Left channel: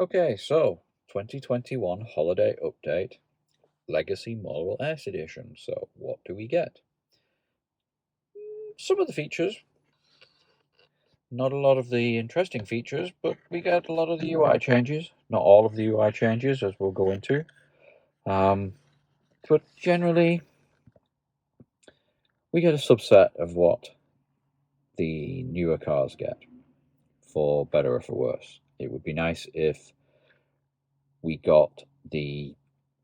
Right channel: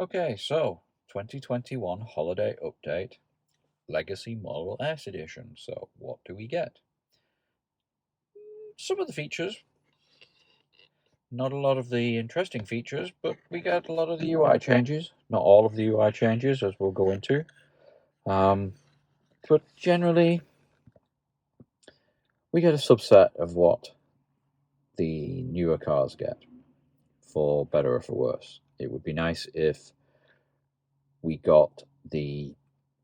Okay, so 2021 holiday update, Legacy Model S edition. So what do we get? Some of the features, not a lot of the interesting features, but we get a lot of the UI changes. Not all of the UI changes, as we'll go into. Um, but generally, we get a subset of what the newer cars get, for better or for worse. It would be nice if we got the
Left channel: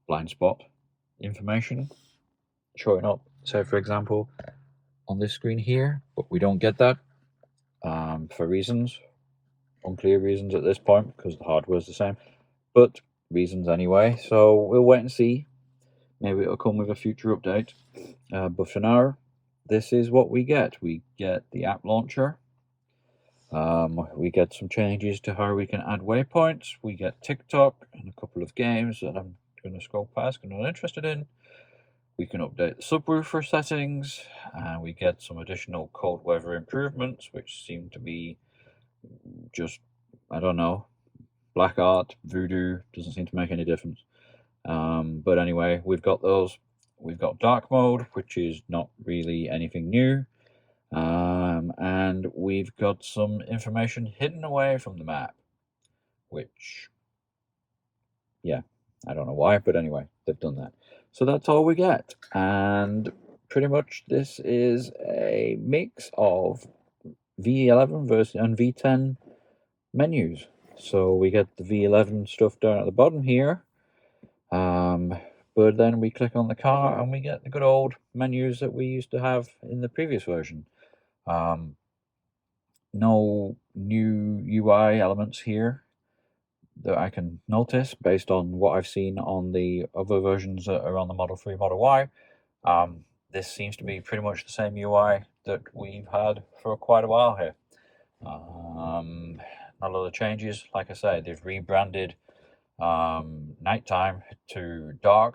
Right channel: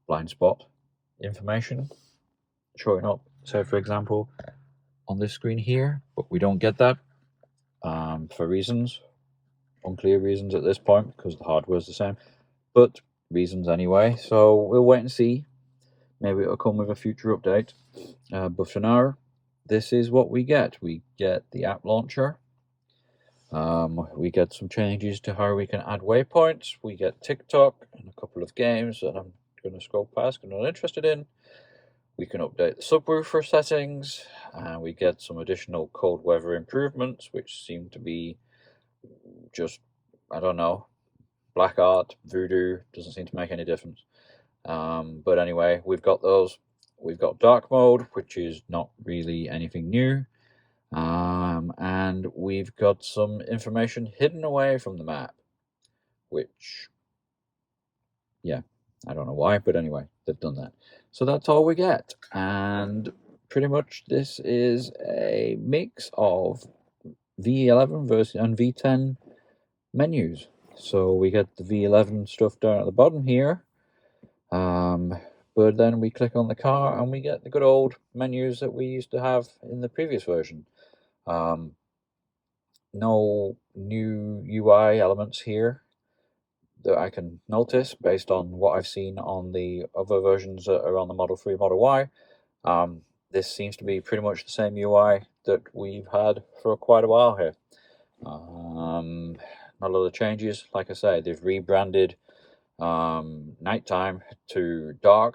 blind spot information showing up. So, for example, on this screen here, but we don't get that for reasons, unclear reasons at this point, because the hardware is the same, but reasons anyway. So we'll wait and see. Maybe it'll come with a future update. But for now, this is what we get. We get the app launcher. We get some changes to how we can add waypoints. We get TikTok and a couple of games that I'm going to scroll past because I'm not interested in. We can update the subwoofer settings, and we get some additional cold weather improvements, which seem to be just, I don't know, black art, voodoo, doesn't seem to make any difference. But anyway, we've got those. We've got dark mode, which is not really anything new. And we've got some information hidden away from the map, which, yeah, I don't know why, but anyway, they've done that. So that's all we get. And pretty much this is a mix of V11 versus and V10 menus. So we get the V11 stuff down at the bottom here. But then we click on the car and we get the good old menus that we used to have in the previous version. No new UI elements here that I can notice based on what I've seen on the other versions that are on the Model 3, Model Y. This seems to be pretty much the same UI that we've had for quite a while here. Not a lot of changes. Like I say, they've rebranded nighttime to dark.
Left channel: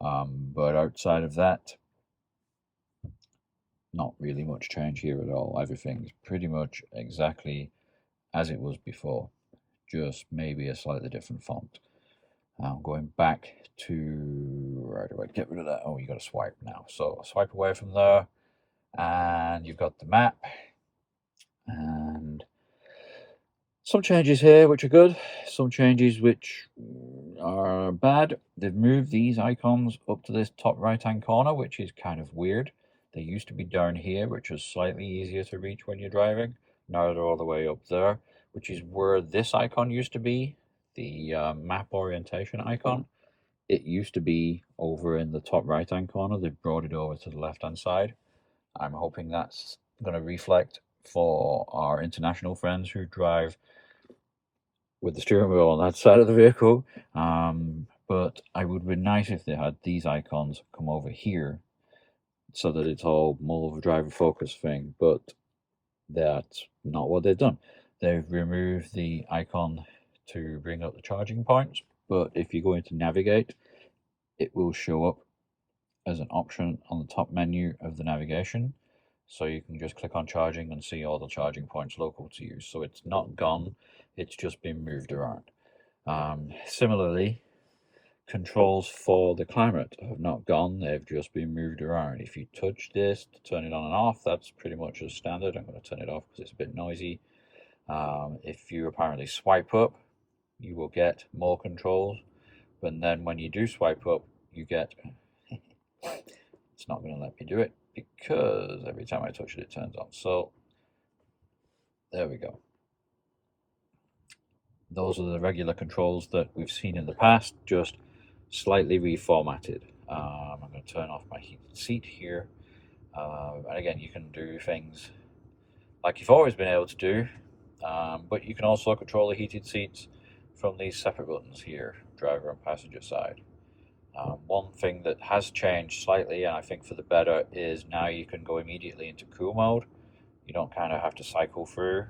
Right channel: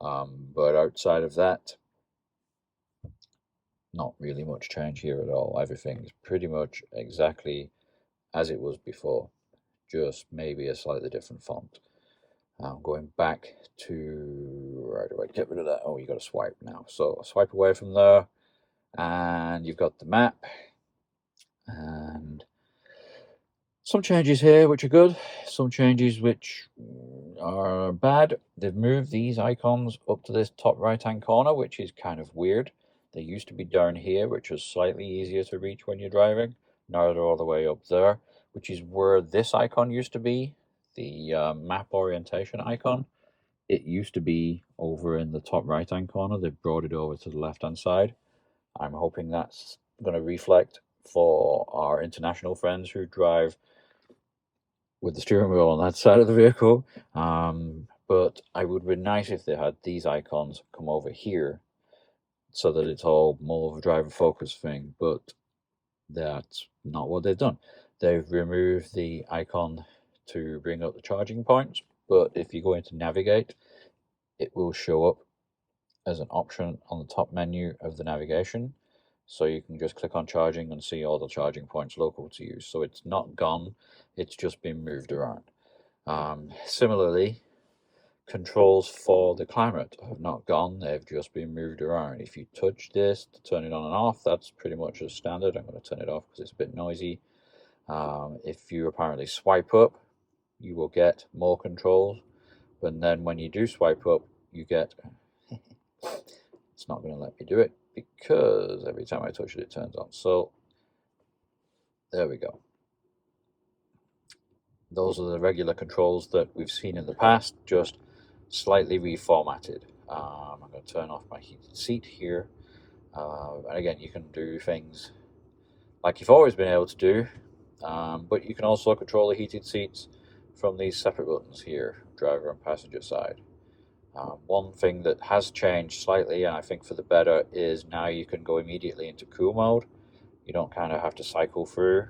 But outside of that, not really much change here at all. Everything's pretty much exactly as it was before, just maybe a slightly different font. Going back to, how do I get rid of that? Oh, you got to swipe now. So swipe away from there, and you've got the map, and some changes here which are good, some changes which are bad. They've moved these icons up to this top right hand corner, which is kind of weird. They used to be down here, which was slightly easier to reach when you're driving. Now they're all the way up there, which is where this icon used to be, the map orientation icon. It used to be over in the top right hand corner. They've brought it over to the left hand side. I'm hoping that's going to reflect for our international friends who drive with the steering wheel on that side of the vehicle. But I would be nice if they had these icons come over here so that it's all more of a driver focus thing. But that's not what they've done. They've removed the icon to bring up the charging points. But if you go into navigate, it will show up as an option on the top menu of the navigation. So you can just click on charging and see all the charging points local to you. So it's not gone, it's just been moved around. Similarly, controls for the climate have not gone, they've just been moved around. If you touch this to turn it on and off, that's pretty much as standard. I'm going to turn it off because it's a bit noisy. If you apparently swipe up, you will get more controls. But then when you do swipe up, you get it's not going to let me do it because every time I touch it, it turns on. So there we go. Those are the regular controls that we've seen in the past, just slightly reformatted. I'm going to turn off my heated seat here. And again, you can do things like you've always been able to do, but you can also control the heated seats from these separate buttons here, driver and passenger side. One thing that has changed slightly, and I think for the better, is now you can go immediately into cool mode. You don't kind of have to cycle through.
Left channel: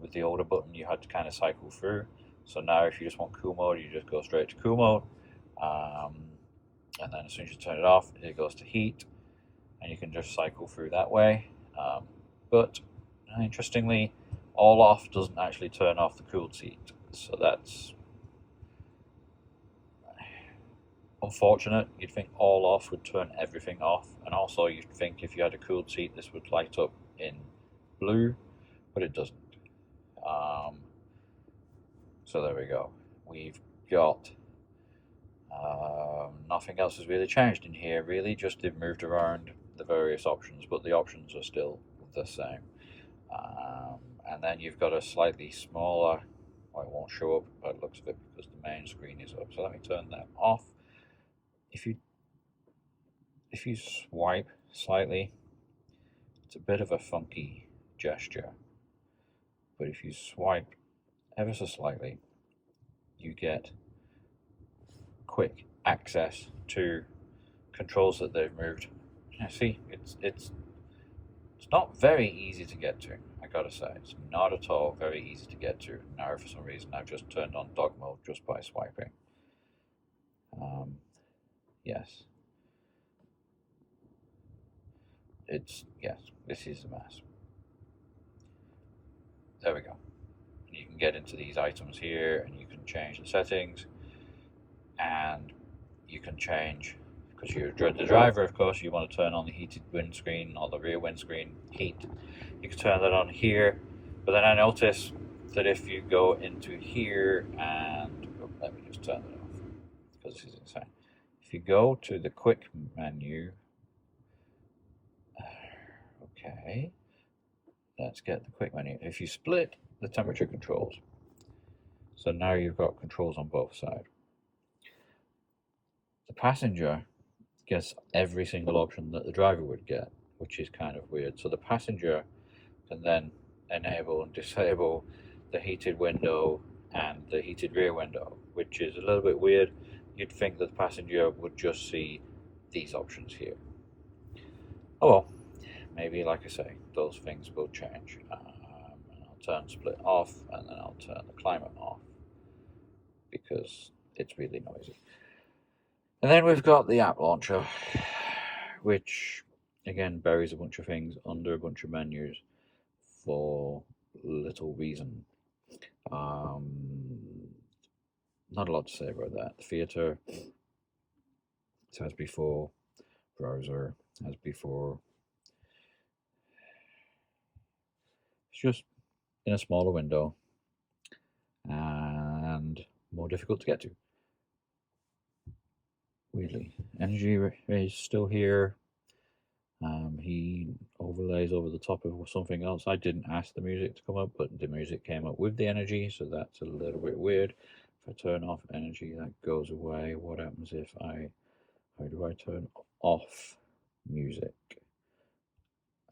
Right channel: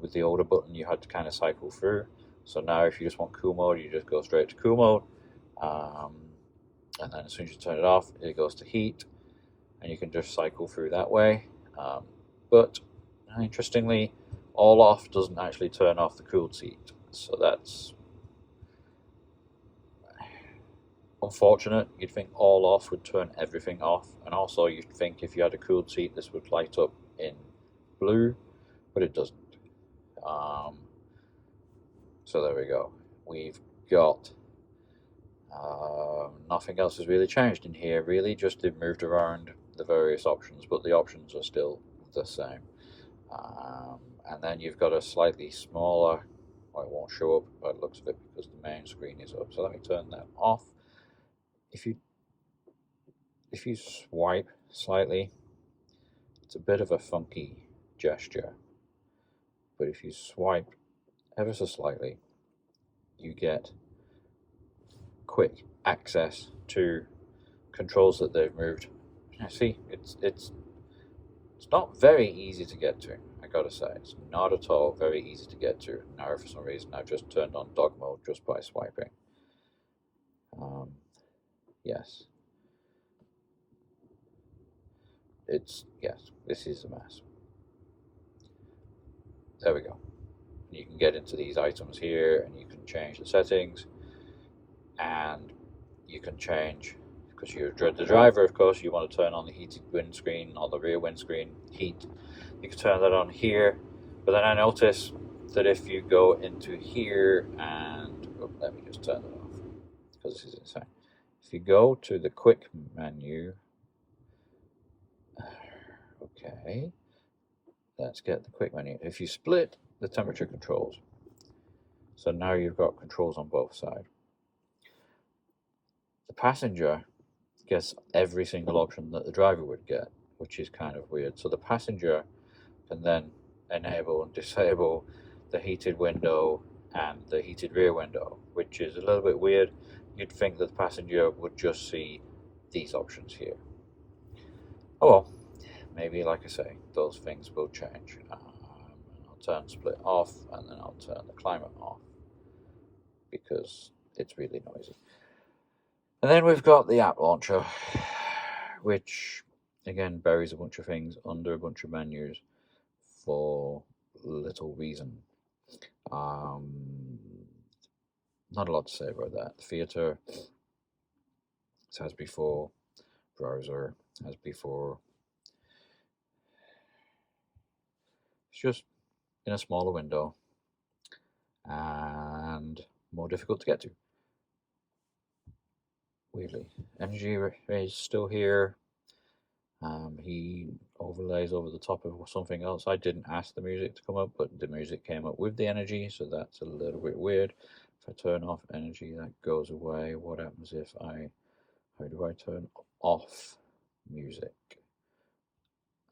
With the older button, you had to kind of cycle through. So now, if you just want cool mode, you just go straight to cool mode. And then as soon as you turn it off, it goes to heat, and you can just cycle through that way. But interestingly, all off doesn't actually turn off the cooled seat, so that's unfortunate. You'd think all off would turn everything off, and also you'd think if you had a cooled seat, this would light up in blue, but it doesn't. Um, so there we go. We've got nothing else has really changed in here. Really, just they've moved around the various options, but the options are still the same. Um, and then you've got a slightly smaller. Well, it won't show up by the looks of it because the main screen is up. So let me turn that off. If you swipe slightly, it's a bit of a funky gesture. But if you swipe ever so slightly, you get quick access to controls that they've moved. See, it's not very easy to get to. I gotta say, it's not at all very easy to get to. Now, for some reason, I've just turned on dog mode just by swiping. Yes, yes, this is a mess. There we go. You can get into these items here, and you can change the settings, and you can change because you're the driver. Of course, you want to turn on the heated windscreen or the rear windscreen heat. You can turn that on here, but then I notice that if you go into here and let me just turn it off because this is insane. If you go to the quick menu, okay, let's get the quick menu. If you split the temperature controls, so now you've got controls on both sides. The passenger gets every single option that the driver would get, which is kind of weird. So the passenger can then enable and disable the heated window and the heated rear window, which is a little bit weird. You'd think that the passenger would just see these options here. Oh well, maybe, like I say, those things will change. I'll turn split off, and then I'll turn the climate off because it's really noisy. And then we've got the app launcher, which again buries a bunch of things under a bunch of menus for little reason. Not a lot to say about that. Theater, as before. Browser, as before. It's just in a smaller window and more difficult to get to. Weirdly, energy is still here. He overlays over the top of something else. I didn't ask the music to come up, but the music came up with the energy, so that's a little bit weird. If I turn off energy, that goes away. What happens if how do I turn off music?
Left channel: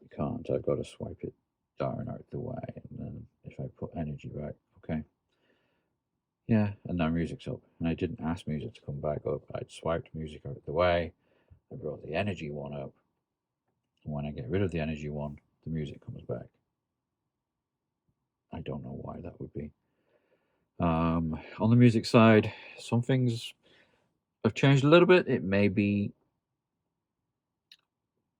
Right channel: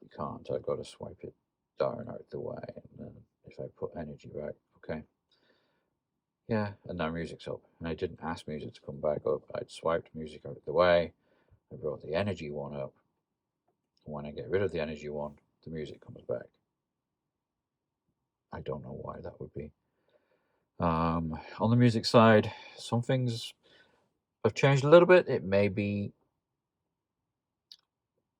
I can't. I've got to swipe it down out the way, and then if I put energy back, okay. Yeah, and now music's up. And I didn't ask music to come back up. I'd swiped music out the way. I brought the energy one up. And when I get rid of the energy one, the music comes back. I don't know why that would be. On the music side, some things have changed a little bit. It may be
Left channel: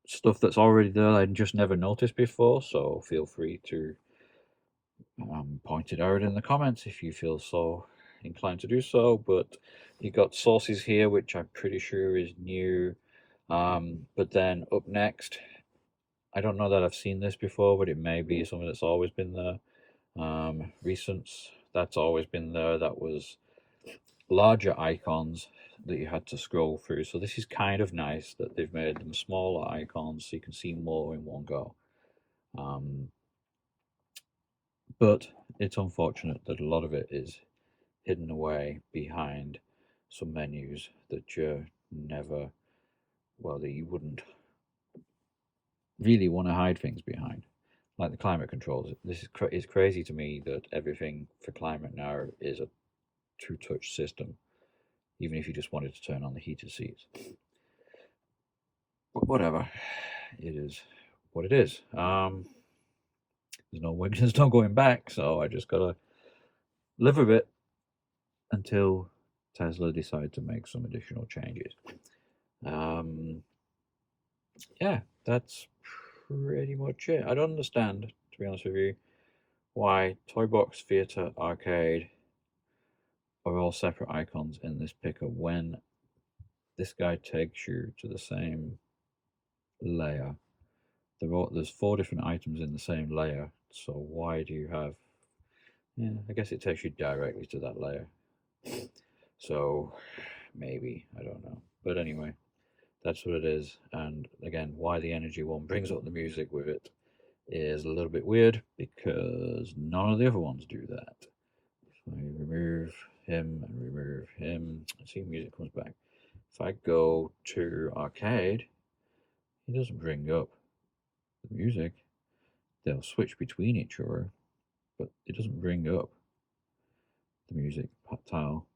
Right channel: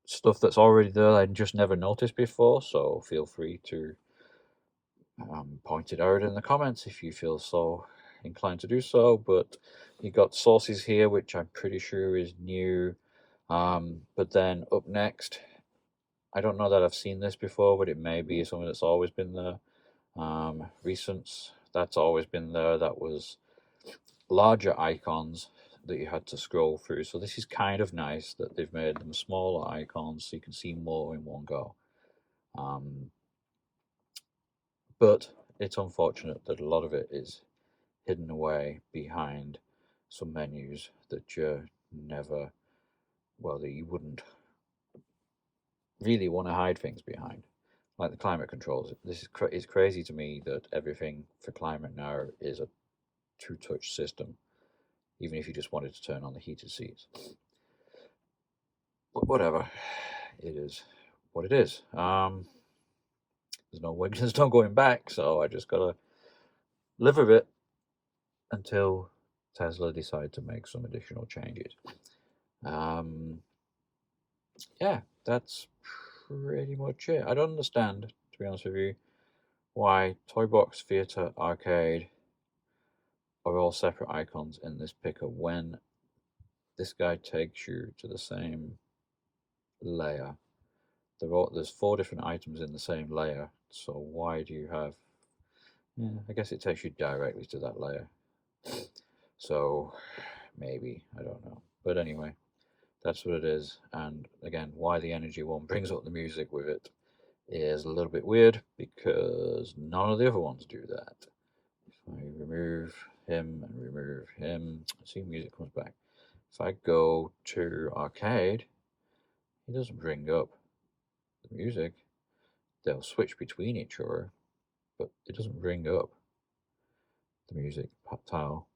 stuff that's already there I just never noticed before, so feel free to point it out in the comments if you feel so inclined to do so. But you got sources here, which I'm pretty sure is new. But then up next, I don't know that I've seen this before, but it may be something that's always been there. Recents, that's always been there. That was larger icons that you had to scroll through. So this is kind of nice that they've made them smaller icons so you can see more in one go. But it's unfortunate that a lot of it is hidden away behind some menus that you never, well, that you wouldn't really want to hide things behind, like the climate controls. This is it's crazy to me that everything for climate now is a two-touch system, even if you just wanted to turn on the heated seats. But whatever, it is what it is. There's no way, there's no going back, so I just gotta live with it until Tesla decide to make some additional changes. Yeah, that's pretty much it. I don't understand, to be honest with you, why Toy Box, Theatre, Arcade are all separate icons in this picker when this guy takes you to the same layer. There's 4 different items in the same layer, so why do you have... Yeah, I guess it takes you directly to that layer. So maybe, I don't know. But anyway, that's what it is. And again, why the energy one brings up the music with it is a little bit weird because none of the other ones do that. If I remove him and remove him, see, music comes back. If I go to arcade, it doesn't bring up the music. They'll switch between each other, but it doesn't bring up the music tile.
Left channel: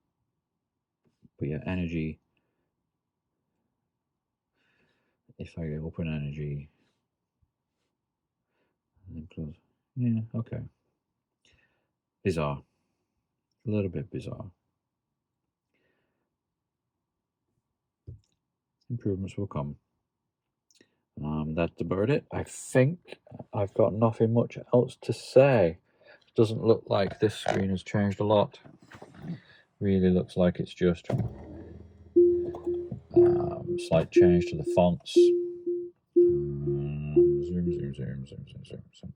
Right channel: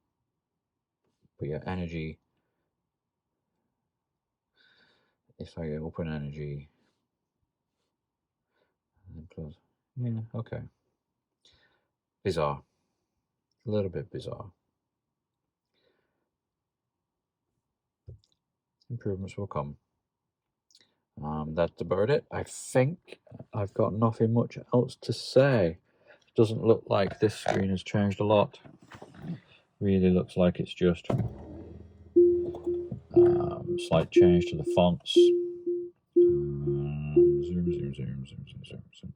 But yeah, energy. If I open energy and then close, yeah, okay. Bizarre. A little bit bizarre. Improvements will come. That's about it. I think I've got nothing much else to say. Doesn't look like this screen has changed a lot. Really looks like it's just slight change to the fonts. Zoom.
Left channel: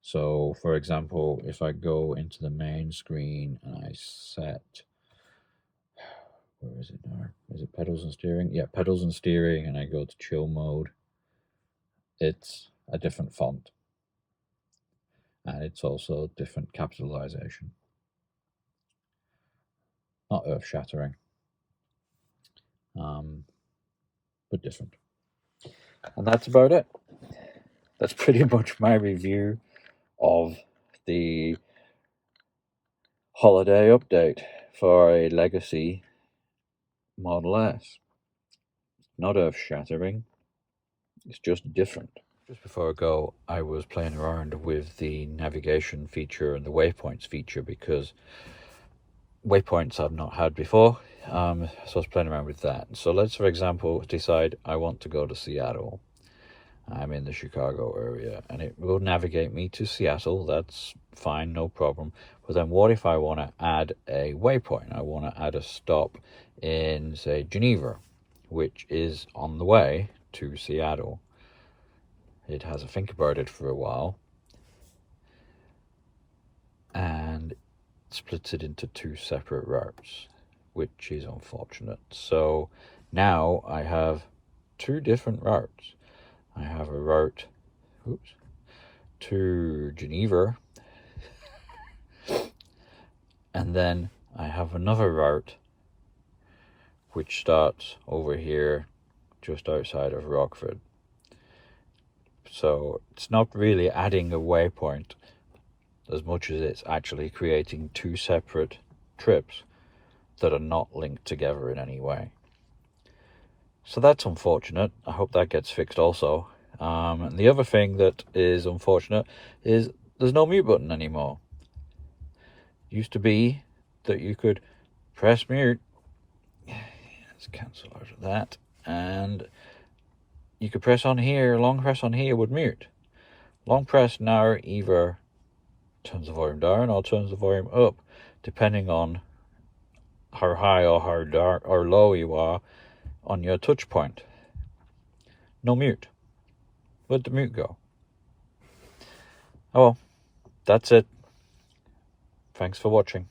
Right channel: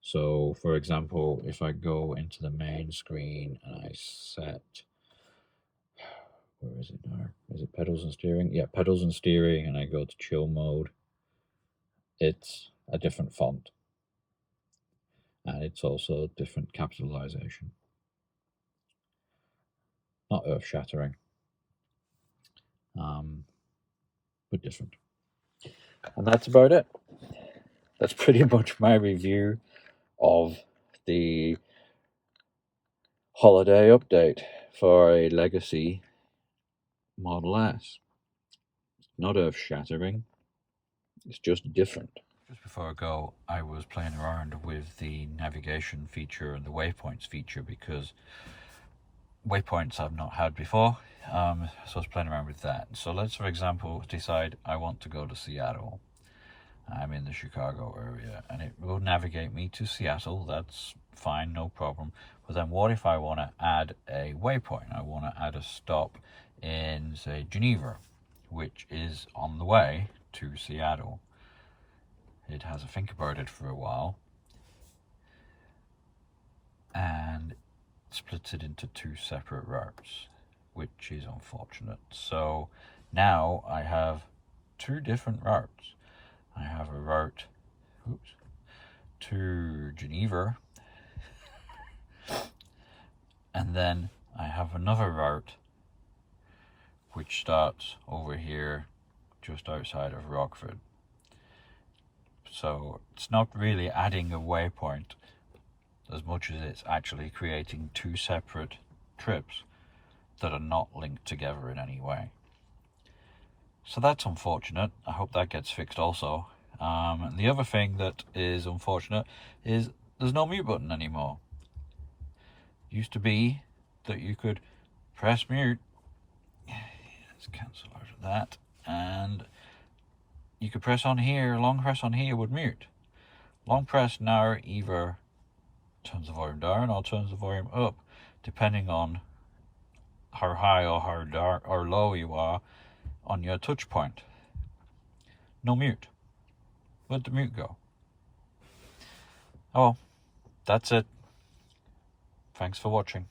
So, for example, if I go into the main screen and I set... Where is it now? Is it pedals and steering? Yeah, pedals and steering, and I go to chill mode. It's a different font. And it's also different capitalization. Not earth-shattering, but different. And that's about it. That's pretty much my review of the holiday update for a Legacy Model S. Not earth-shattering, it's just different. Just before I go, I was playing around with the navigation feature and the waypoints feature because waypoints I've not had before, so I was playing around with that. So let's, for example, decide I want to go to Seattle. I'm in the Chicago area, and it will navigate me to Seattle. That's fine, no problem. But then what if I want to add a waypoint? I want to add a stop in, say, Geneva, which is on the way to Seattle. It has to think about it for a while, and splits it into 2 separate routes, which is unfortunate. So now I have 2 different routes. I have a route to Geneva, and then I have another route which starts over here just outside of Rockford. So it's not really adding a waypoint as much as it's actually creating 2 separate trips that are not linked together in any way. So that's unfortunate. I hope that gets fixed also. And the other thing that is unfortunate is there's no mute button anymore. It used to be that you could press mute. Let's cancel out of that. And you could press on here, long press on here would mute. Long press now either turns the volume down or turns the volume up, depending on how high or how dark or low you are on your touch point. No mute. Where'd the mute go? Oh, that's it. Thanks for watching.